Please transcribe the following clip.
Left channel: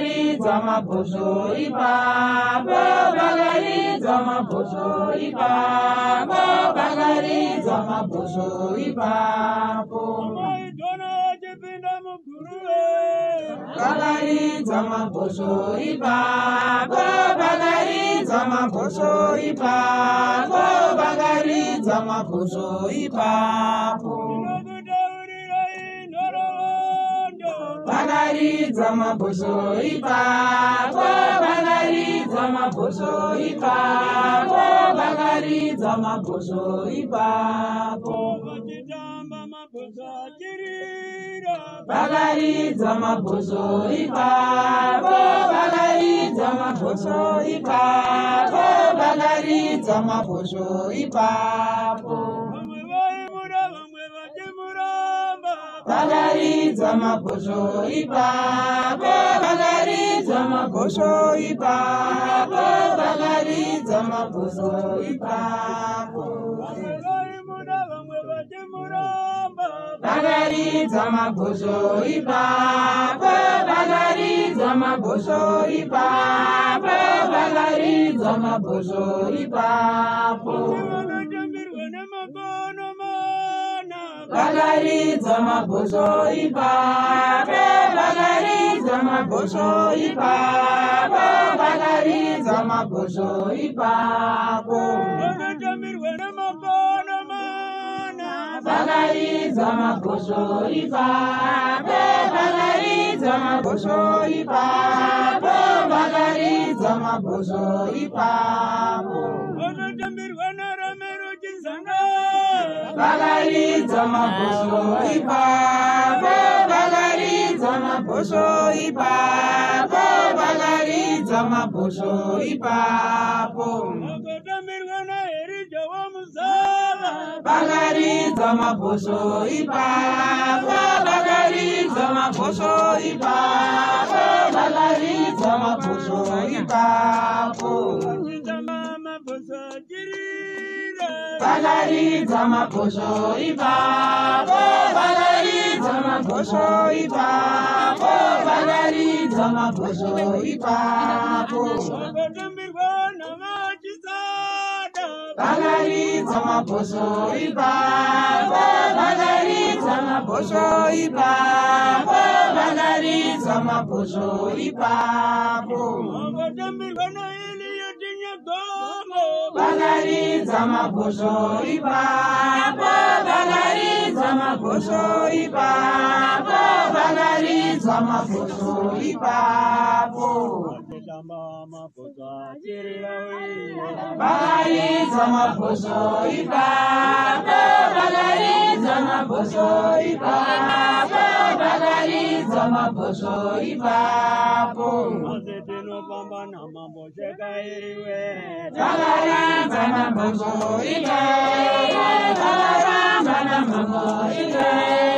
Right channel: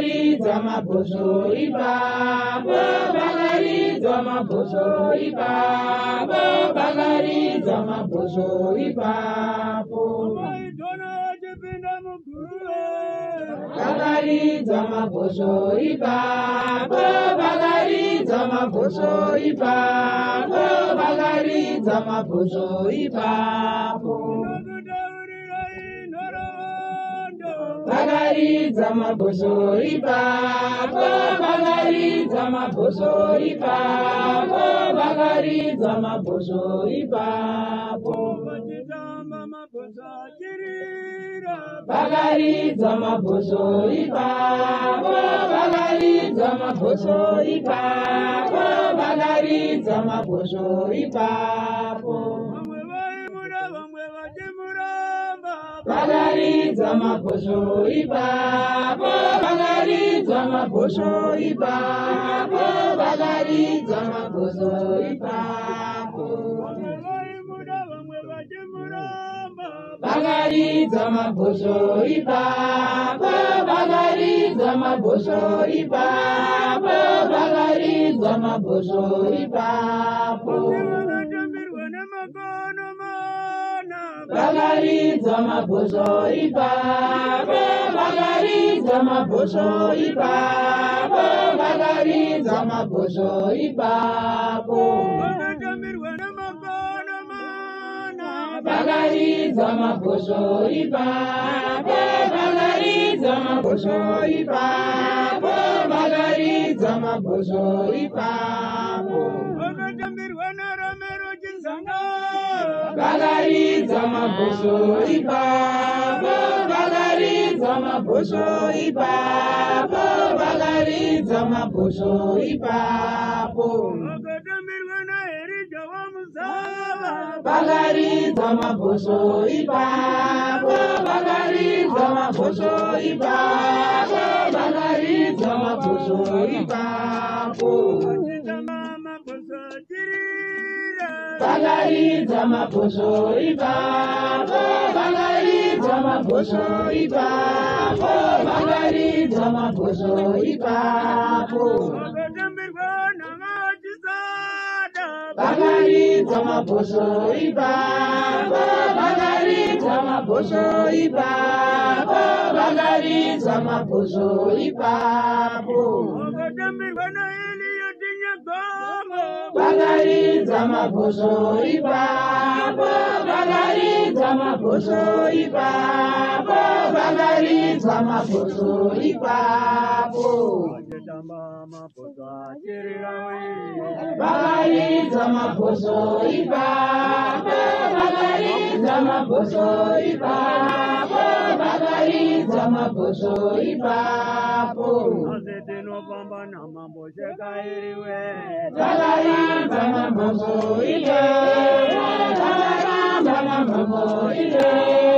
Bagariza maposo ipapo, bagariza maposo ipapo, bagariza maposo ipapo. Bagariza maposo ipapo, bagariza maposo ipapo, bagariza maposo ipapo. Bagariza maposo ipapo, bagariza maposo ipapo, bagariza maposo ipapo. Bagariza maposo ipapo, bagariza maposo ipapo, bagariza maposo ipapo. Bagariza maposo ipapo, bagariza maposo ipapo, bagariza maposo ipapo. Bagariza maposo ipapo, bagariza maposo ipapo, bagariza maposo ipapo. Bagariza maposo ipapo, bagariza maposo ipapo, bagariza maposo ipapo. Bagariza maposo ipapo, bagariza maposo ipapo, bagariza maposo ipapo. Bagariza maposo ipapo, bagariza maposo ipapo, bagariza maposo ipapo. Bagariza maposo ipapo, bagariza maposo ipapo, bagariza maposo ipapo. Bagariza maposo ipapo, bagariza maposo ipapo, bagariza maposo ipapo. Bagariza maposo ipapo, bagariza maposo ipapo, bagariza maposo ipapo. Bagariza maposo ipapo, bagariza maposo ipapo, bagariza maposo ipapo. Bagariza maposo ipapo, bagariza maposo ipapo, bagariza maposo ipapo. Bagariza maposo ipapo, bagariza maposo ipapo.